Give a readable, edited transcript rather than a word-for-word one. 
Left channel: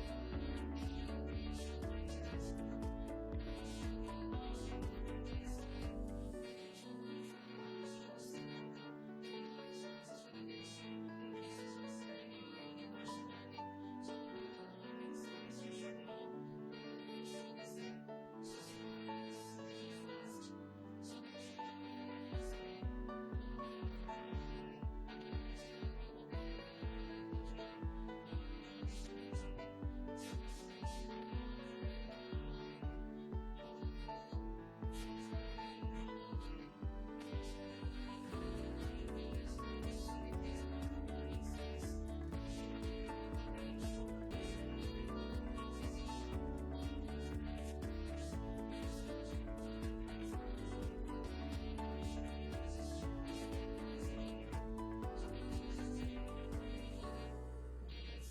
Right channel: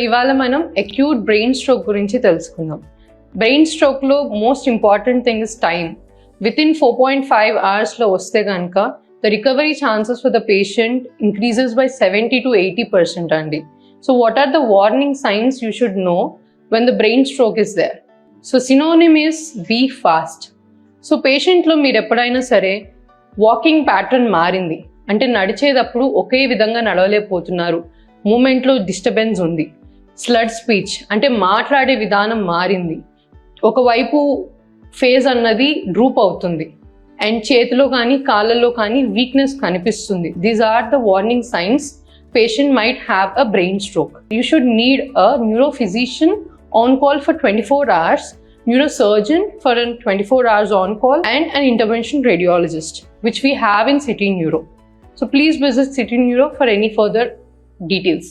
ఇవాళ మనం acute brain stroke గురించి తెలుసుకుందాం. బ్రెయిన్ స్ట్రోక్లో most important thing is time. Within 4.5 అవర్స్లో వస్తే కనుక the recovery chances for the patient increases by 70 to 80% అండి. So what are the warning signs you should know when the brain stroke is there? So synonym is be fast. సో పేషెంట్లో మీరు ఎప్పుడైనా సరే walking pattern మారింది అంటే నడిచేటప్పుడు ఒకే విధంగా నడవలేకపోతున్నారు, మూమెంట్లో డిస్టర్బెన్స్ ఉంది, స్లడ్ స్పీచ్ అంటే మాట్లాడే విధానం మారింది, ఒకవైపు ఫేస్ అన్నది డ్రూప్ అవుతుంది అండ్ చేతిలో కానీ కాళ్ళలో కానీ వీక్నెస్ కనిపిస్తుంది. These are the warning signs patient might have a brain stroke. You should need a neurophysician on call for 24 hours, neurosurgeon for a 24 hours on call, and an intervention radiologist, which we have in City Neuro. So please visit City Neuro for any further details.